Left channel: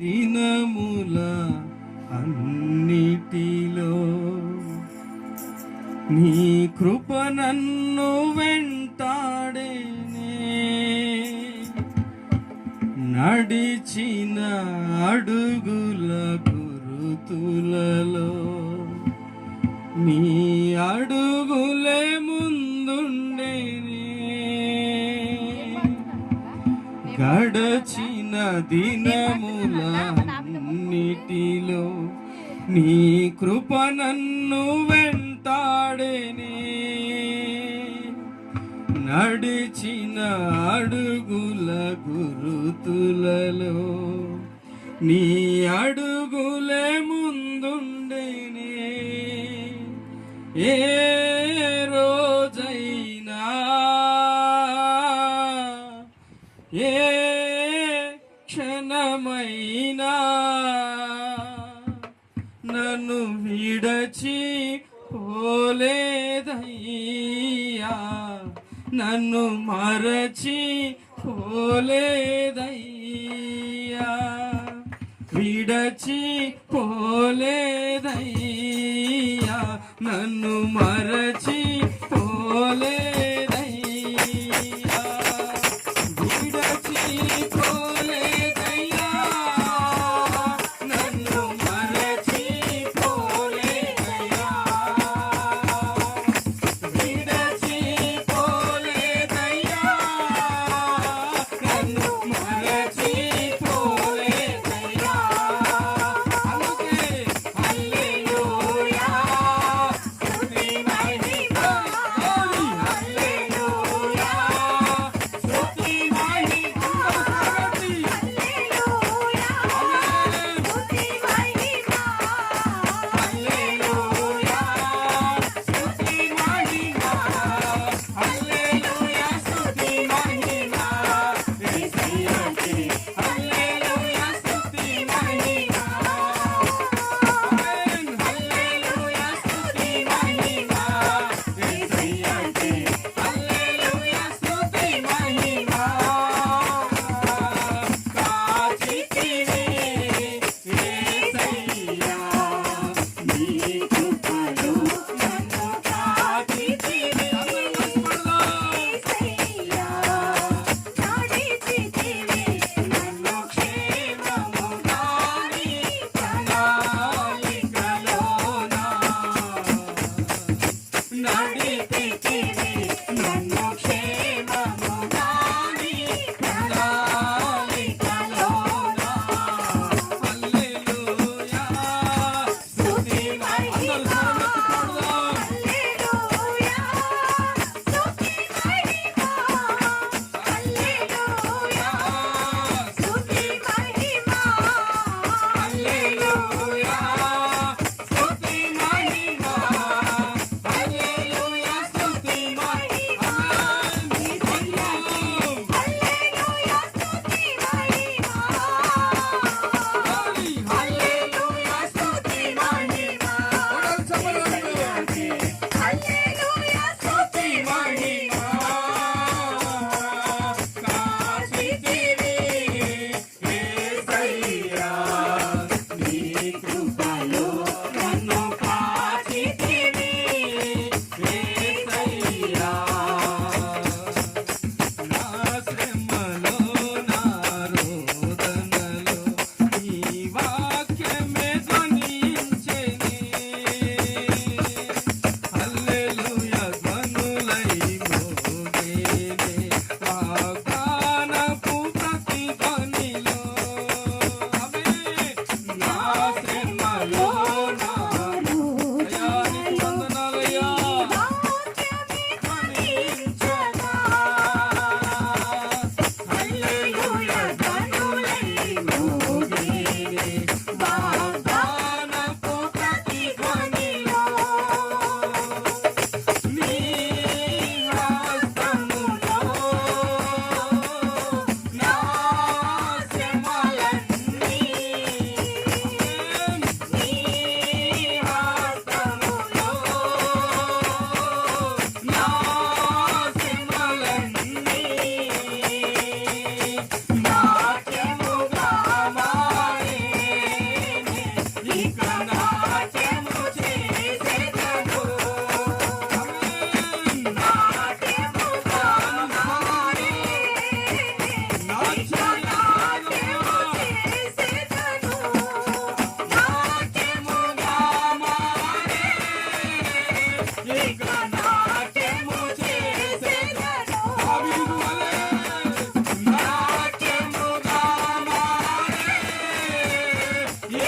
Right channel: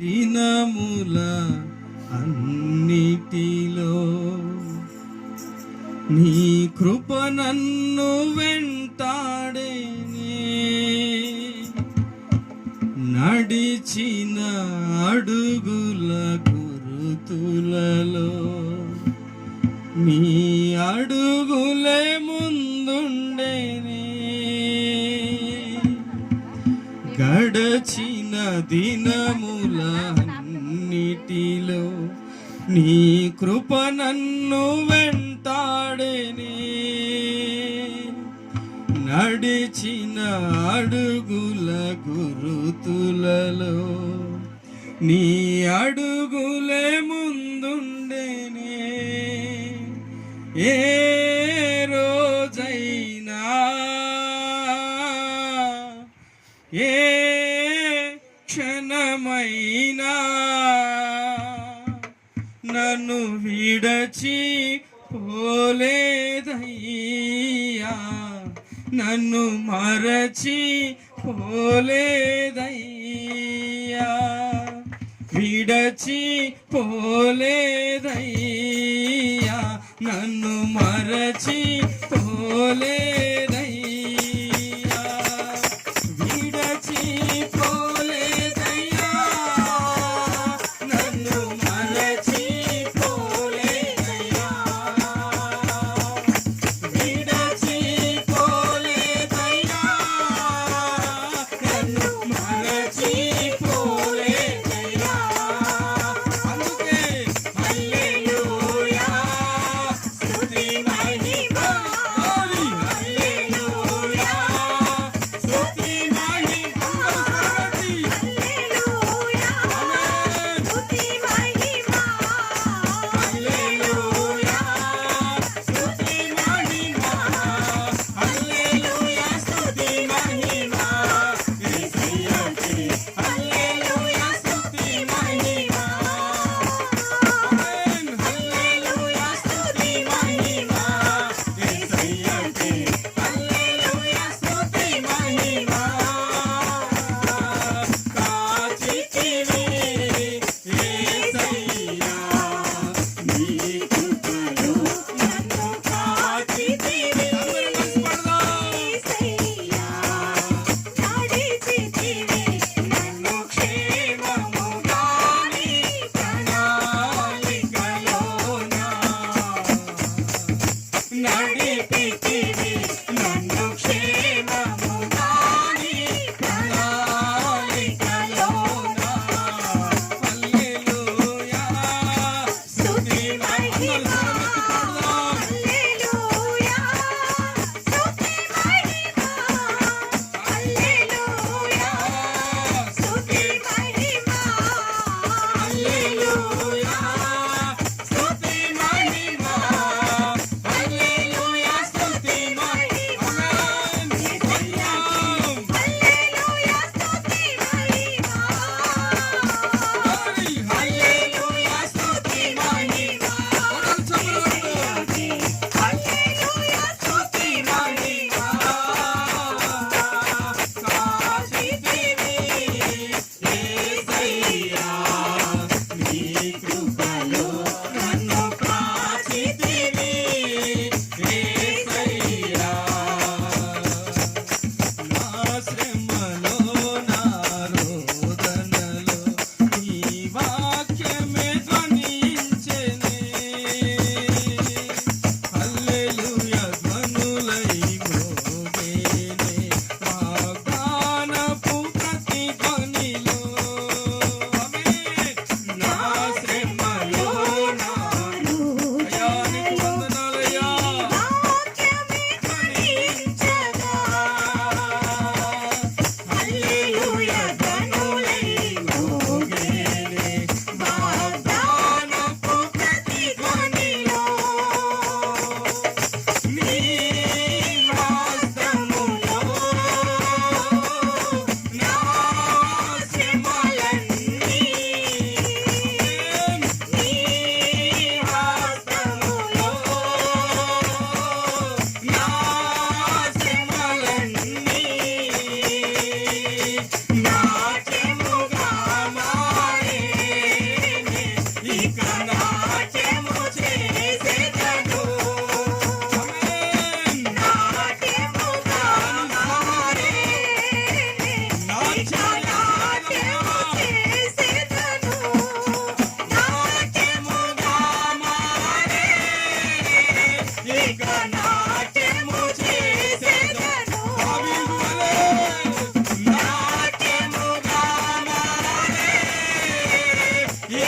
దినముల అన్నిటిలో నీ కృప నన్ను వెంటాడేనే, నడిచిన అడుగుల గురుతులలో నీ అడుగులే ముందుండేనే, గడచిన దినములన్నిటిలో నీ కృప నన్ను వెంటాడేనే, నడిచిన అడుగుల గురుతులలో నీ అడుగులే ముందుండేనే. ఏ రోజైనా ఏ క్షణమైనా నన్ను విడచి పోలేదయ్యా, నన్ను మరచి పోలేదయ్యా, విడచి పోలేదయ్యా, నన్ను మరచి పోలేదయ్యా, విడచి పోలేదయ్యా, నన్ను మరచి పోలేదయ్యా, విడచి పోలేదయ్యా, నన్ను మరచి పోలేదయ్యా. అందుకే హల్లెలూయా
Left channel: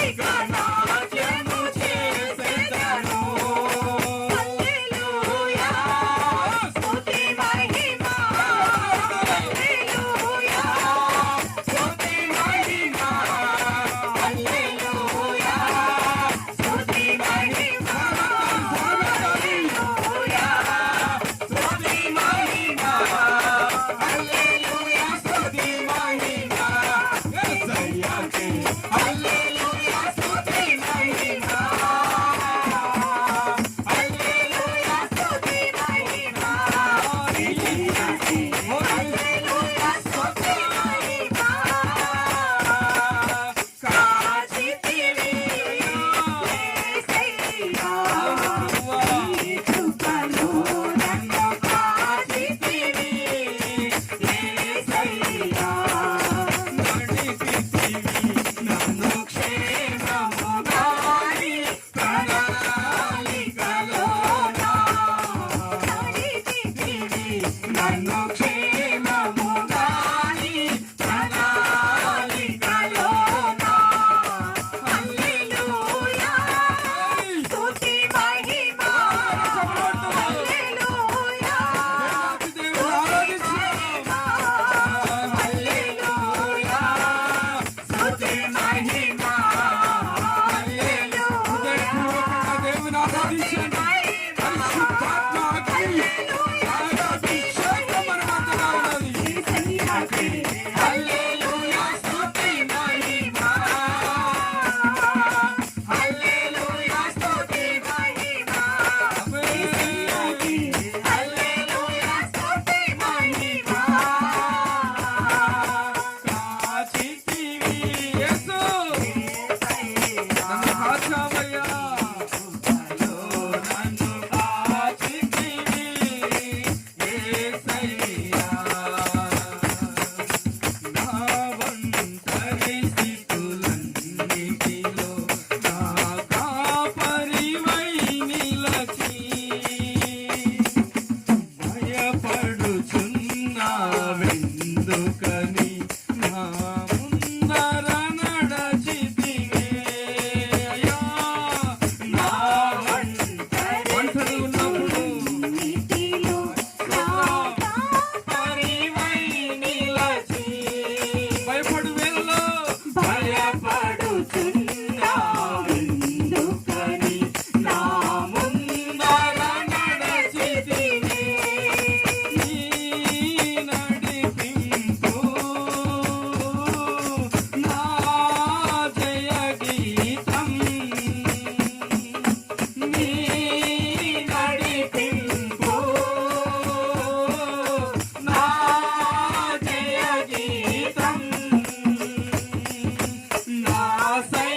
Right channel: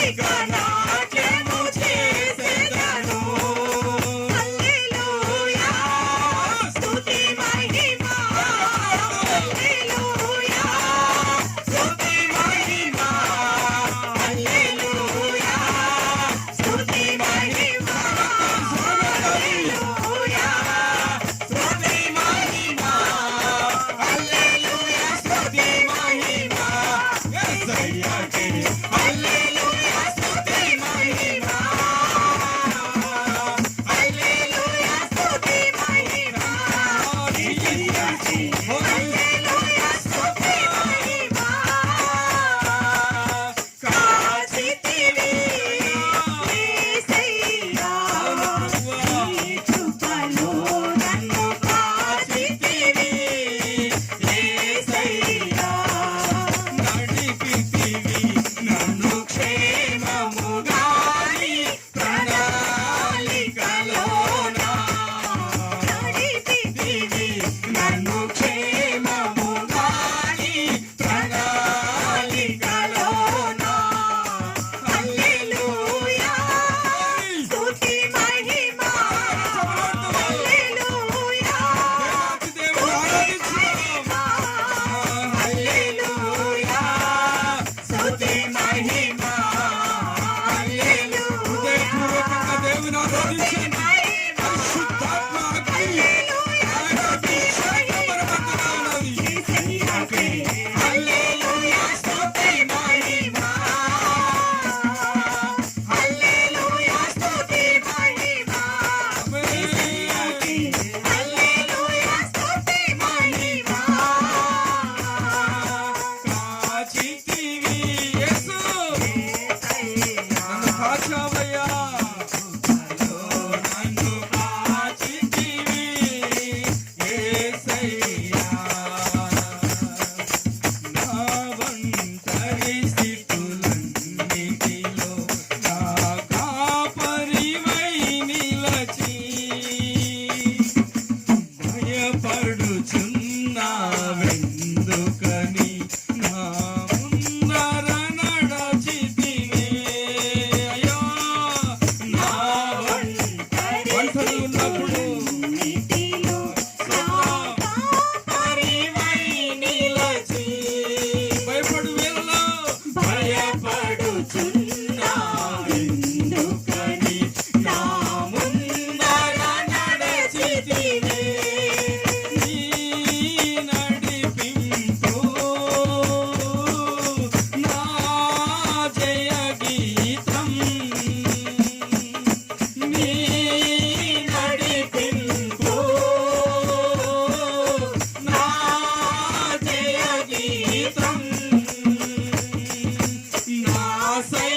ఇక నాట్యము చేసెదను. హల్లెలూయా స్తుతి మహిమ. హల్లెలూయా స్తుతి మహిమ. హల్లెలూయా స్తుతి మహిమ. హల్లెలూయా స్తుతి మహిమ. హల్లెలూయా స్తుతి మహిమ. యేసయ్యకే హల్లెలూయా స్తుతి మహిమ. హల్లెలూయా స్తుతి మహిమ. యేసయ్యకే హల్లెలూయా స్తుతి మహిమ. కాచితివి యేసయ్యా నీ కృపలో నన్ను కాచితివి యేసయ్యా. నడిపితివి నన్ను క్షేమముగా నీ ప్రణాళికలోన. నడిపితివి నన్ను క్షేమముగా నీ ప్రణాళికలోన. హల్లెలూయా స్తుతి మహిమ. హల్లెలూయా హల్లెలూయా స్తుతి మహిమ. హృదయపూర్వకంగా దేవుని ఆరాధించండి. పరిశుద్ధాత్మ అగ్ని ఆయన అభిషేకం మన మధ్యలో ఉన్నది. యేసయ్యకే హల్లెలూయా స్తుతి మహిమ. హల్లెలూయా స్తుతి మహిమ. యేసయ్యకే హల్లెలూయా స్తుతి మహిమ. కాచితివి యేసు నన్ను కాచావయ్యా. నన్ను కాచితివి యేసయ్యా. నా ఒంటరి స్థితులన్నిటిలో నా కాపరివై నిలచి భయపడుచున్నావెందుకని నా ముందర నడచితివే. అయ్యా నా ఒంటరి ఉన్నప్పుడు కాపరివై నిలచి భయపడు వేళలో భయపడుచున్నావెందుకని నా ముందర నడచితివే. నీ నడిపింపు నా జయ గీతం. నీ నడిపింపు నా జయ గీతం. నా సై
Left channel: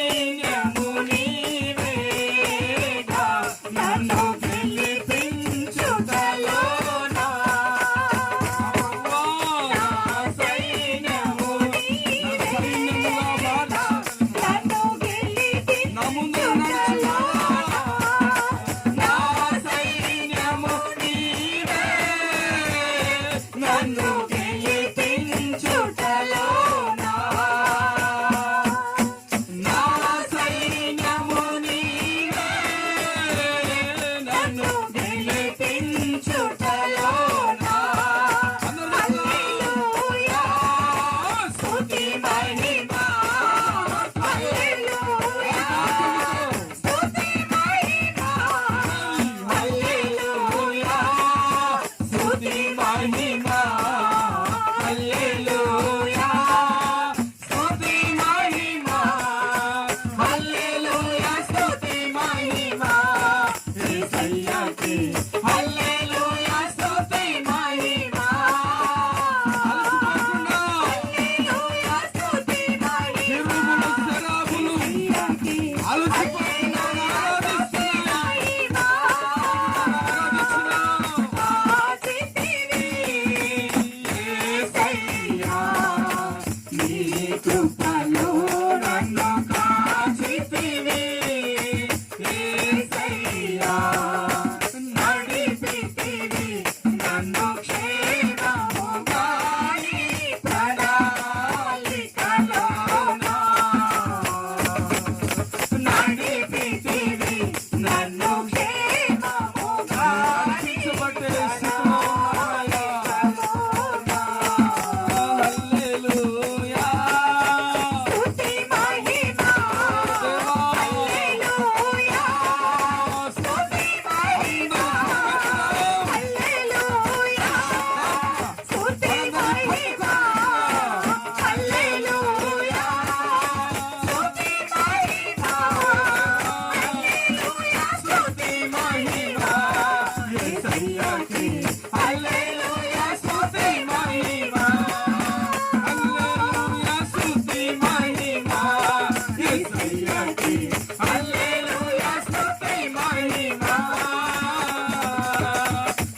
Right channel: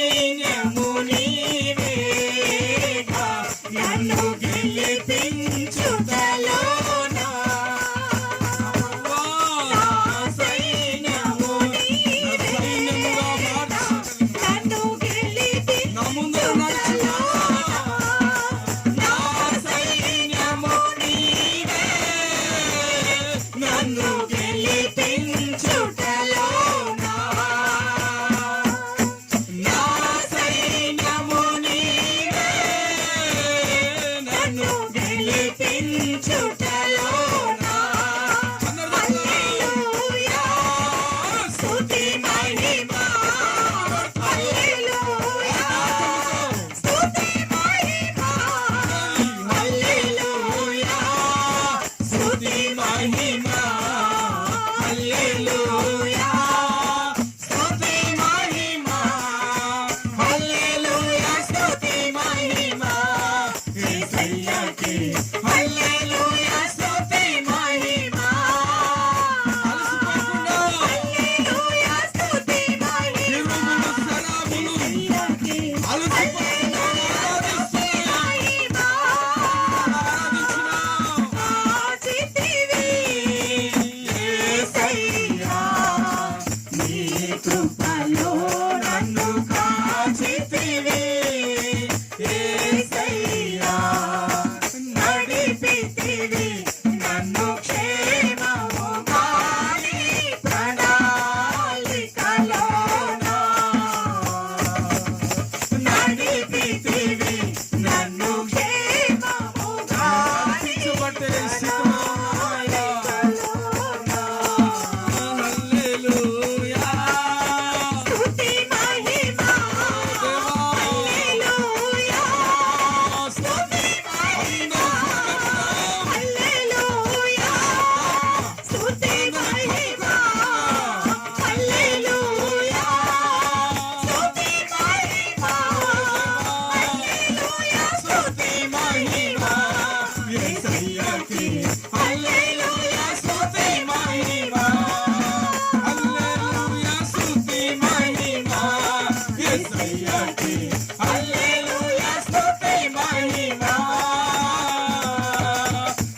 యేసయ్యకి హల్లెలూయా స్తుతి మహిమ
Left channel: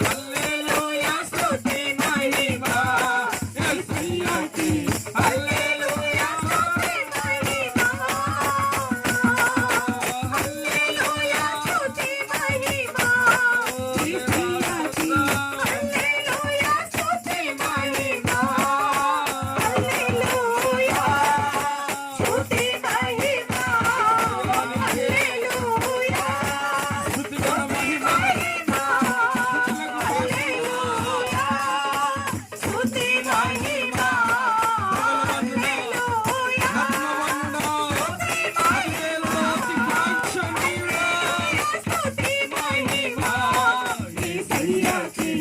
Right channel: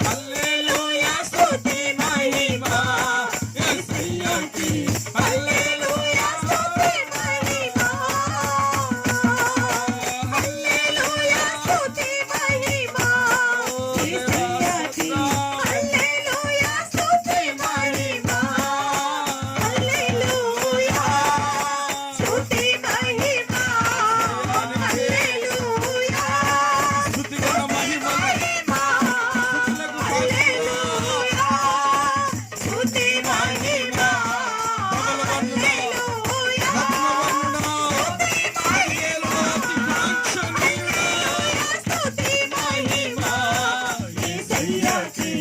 హల్లెలూయా స్తుతి మహిమ యేసయ్యకి హల్లెలూయా స్తుతి మహిమ హల్లెలూయా స్తుతి మహిమ యేసయ్యకి హల్లెలూయా స్తుతి మహిమ హల్లెలూయా స్తుతి మహిమ హల్లెలూయా స్తుతి మహిమ హల్లెలూయా స్తుతి మహిమ హల్లెలూయా స్తుతి మహిమ యేసయ్యకి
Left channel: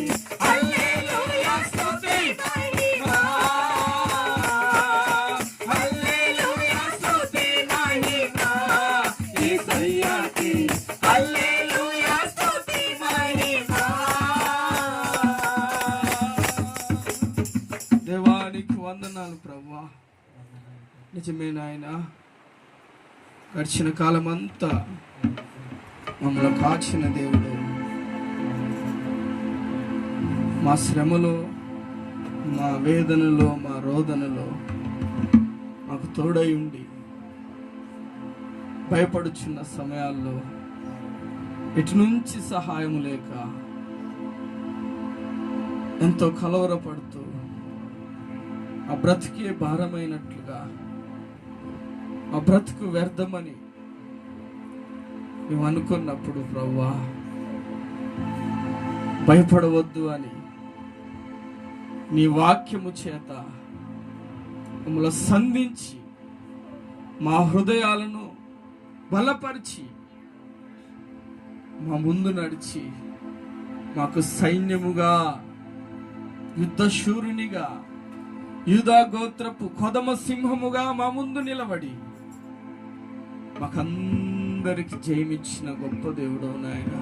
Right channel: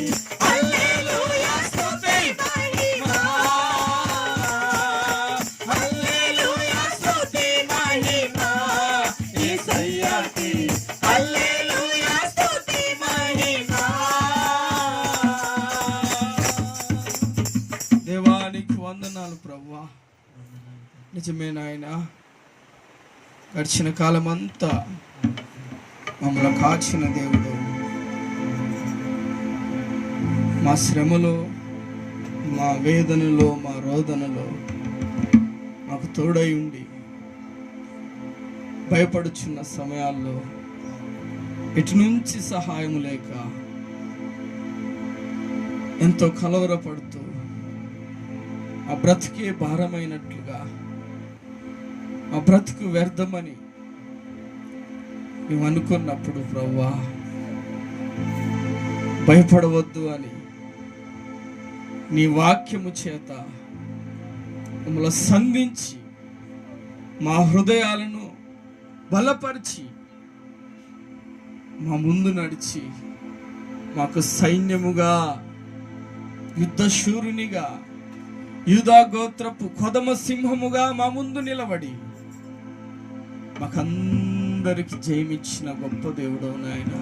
హల్లెలూయా స్తుతి మహిమ హల్లెలూయా స్తుతి మహిమ యేసయ్యకి హల్లెలూయా స్తుతి మహిమ. దేవానికి వందనాలు ప్రభువా. నిజమే నాయన, గడిచిన కాలం అంతా మమ్మల్ని కాచిన దేవుడు, మా శ్రమలో, మా వేదనలో, మా రోదనలో మాకు తోడై ఉండి భయపడుచున్న సమయాల్లో ఎటు నుంచి సహాయం లేక ఎంతో కలవరపడుతూ మా బ్రతికే భారమైనట్లుగా, మా బ్రతుకు వ్యర్థమని మేము అనుకున్నప్పుడు ప్రభువా, భయపడవద్దు అని నీ వాక్యము చేత మమ్మల్ని సంధించి మా హృదయాలను బలపరిచి మా ముందు నడిచి మాకు సైన్యముగా, యుద్ధశూరునిగా, యూదా గోత్రపు కొదమ సింహముగా మా ముందు నిలబడి మాకందరికి జయమిచ్చిన గొప్ప దేవుడవు నాయన.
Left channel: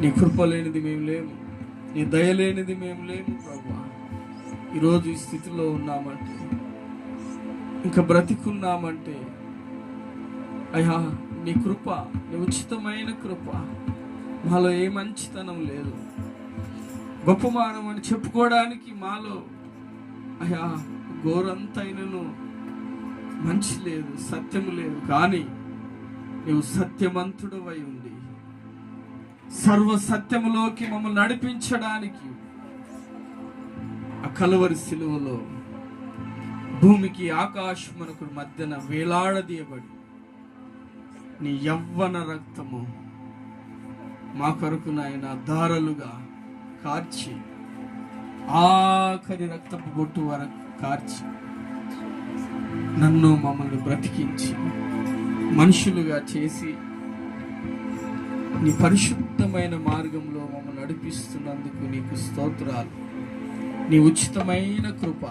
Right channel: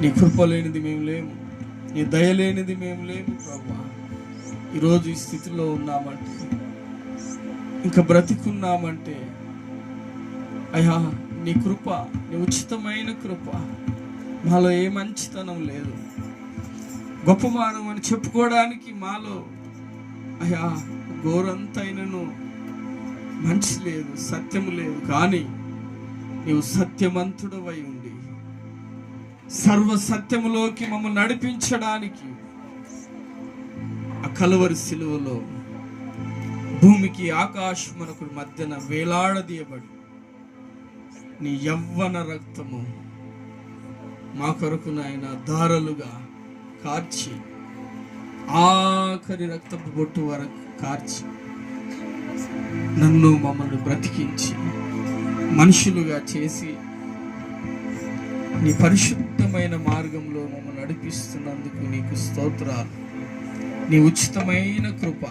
నీ కృప లేనిది మేము లేము, నీ దయ లేనిది మేము లేము ప్రభువా. ఈరోజు ఈ స్థితిలో ఉన్నామంటే, ఇంకా బ్రతికున్నామంటే అయ్యా నీ కృప, నీ ఉచితమైన కృప. మాలో ఏ మంచితనం లేదు, గొప్ప మానం అని చెప్పుకోవడానికి మాలో అయ్యా గోరంతైనను మంచి లేదు, సత్యము లేదు. కానీ నీవు సత్యవంతుడవై ఉండి సర్వ సత్యములోకి మమ్మల్ని నడిపించడానికి ఆ కలువరి శిలువలో భూమికి ఆకాశమునకు మధ్యన వేలాడదీయబడి నీ యవ్వన రక్తము మా కొరకు నాయన ధారలుగా కార్చి, ఆఖరి రక్తపు బొట్టు వరకు కార్చి నన్ను మమ్మల్ని బ్రతికించి మనుషులుగా చేసి నీ పరిశుద్ధమైన మార్గంలో మమ్మల్ని నడిపిస్తున్నందుకు నీకు స్తోత్రాలు. నీ ఉచితమైన కృప,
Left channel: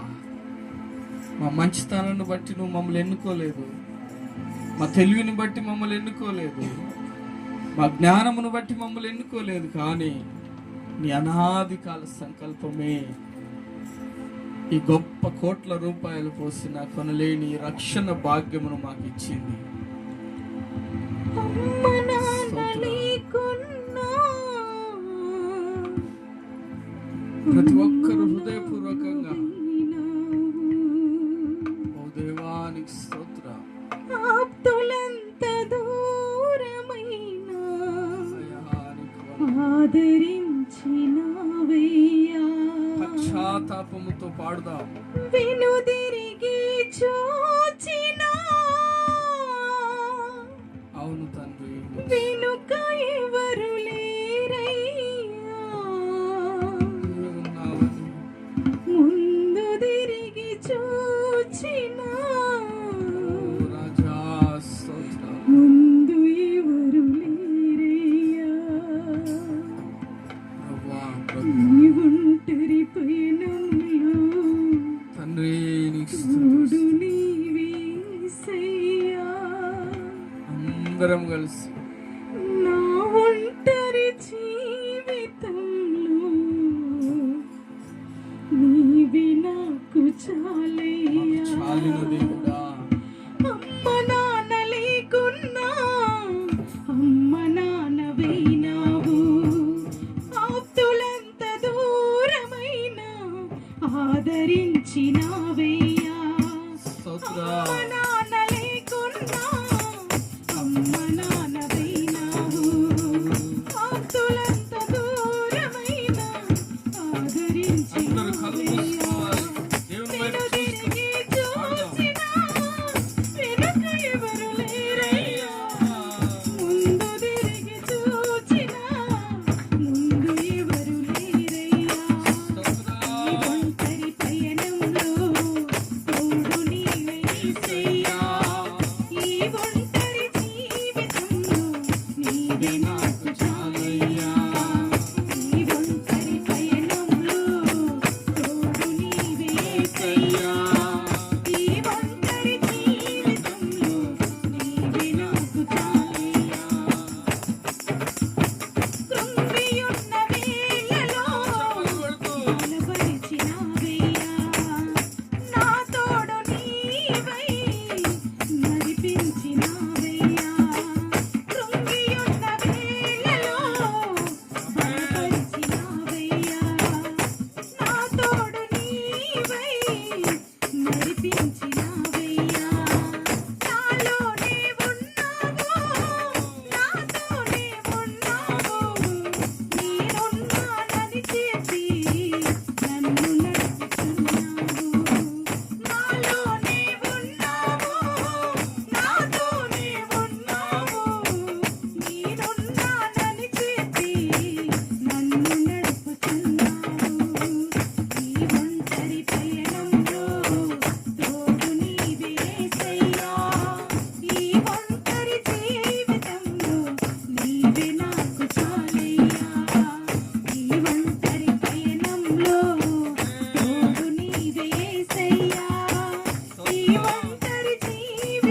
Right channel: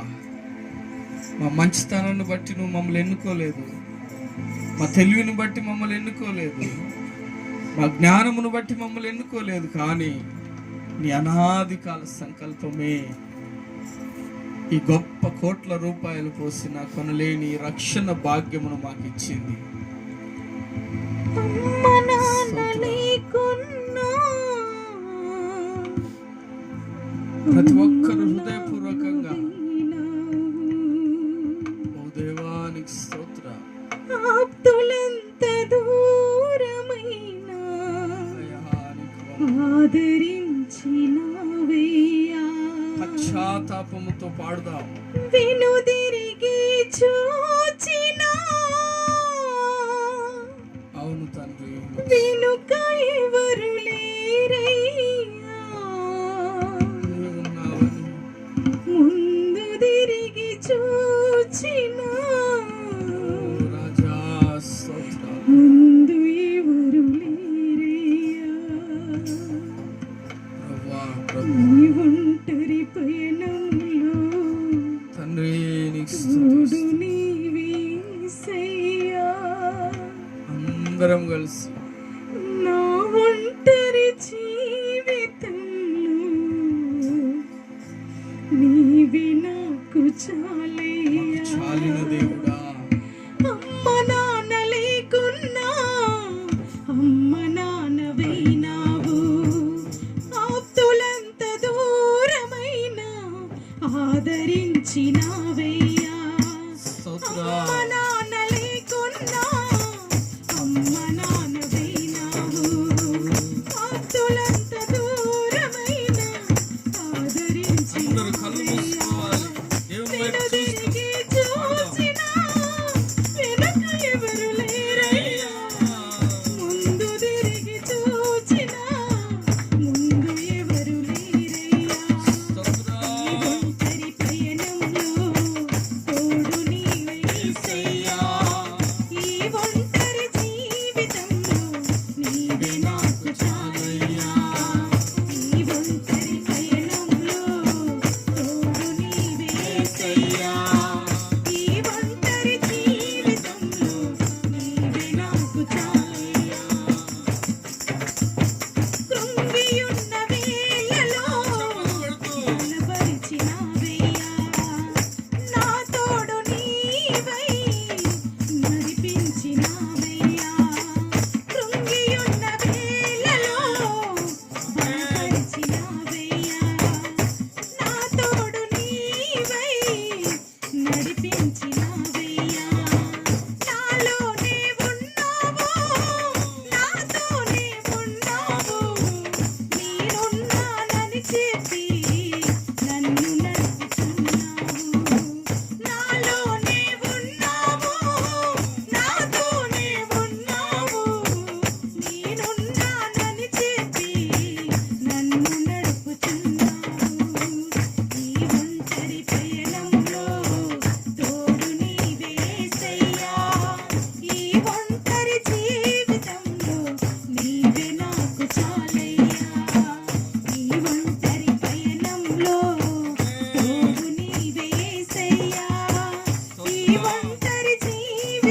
మా మంచితనాన్ని బట్టి నువ్వు మమ్మల్ని ఎన్నుకోలేదు, మా తెలివిని బట్టి మమ్మల్ని ఎన్నుకోలేదు, మా జ్ఞానమును బట్టి మమ్మల్ని ఎన్నుకోలేదు. కానీ నీ అనాది కాల సంకల్పమే ఈ గొప్ప కోట్ల రూపాయలు పోసిన కొనలేని రక్షణ భాగ్యమును మాకు ఇచ్చింది. ప్రతి ఒక్కరు హృదయపూర్వకంగా ఓ దేవానికి స్తోత్ర. పశ్చాత్తాపముతో పాడుదాం. వెనుదిరిగి చూచిన అవును తండ్రి, వెనుక ఎవరు లేరయ్యా, ముందు తిరిగి చూచిన రాజా స్తోత్ర. ముందు ఎవరు లేరయ్యా, నీ ఒంటరి పయనంలో తండ్రి నీకు తోడు నీవేసయ్యా. అందరం కలిసి నా ఒంటరి జీవితంలో నీవి నాకు చాలయ్యా. చాలిన దేవుడా,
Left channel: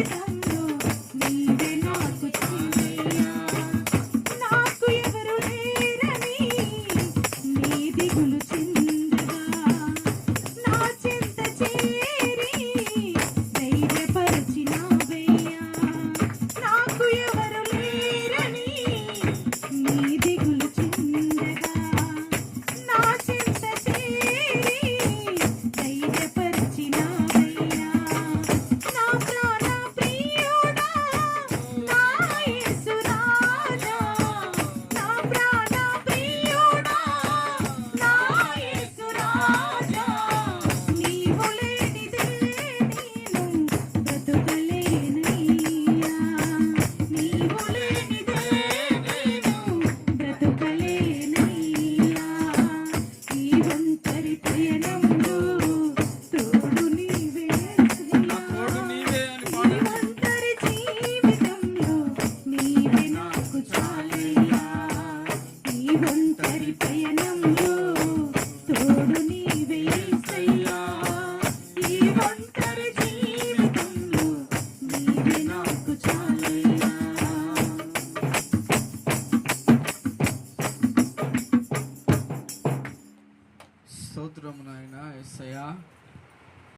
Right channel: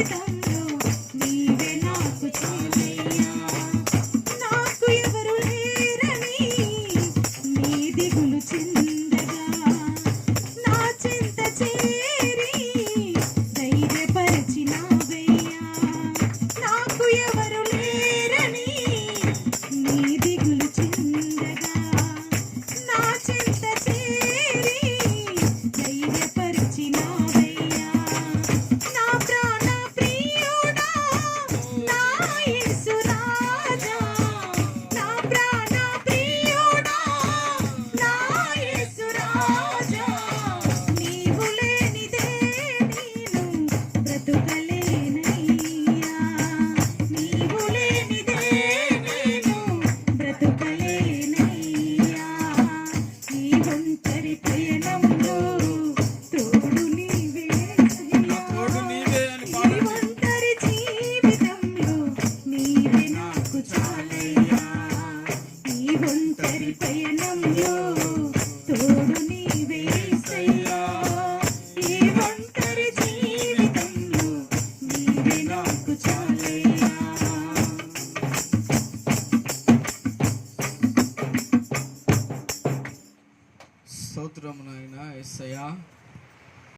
జీవితం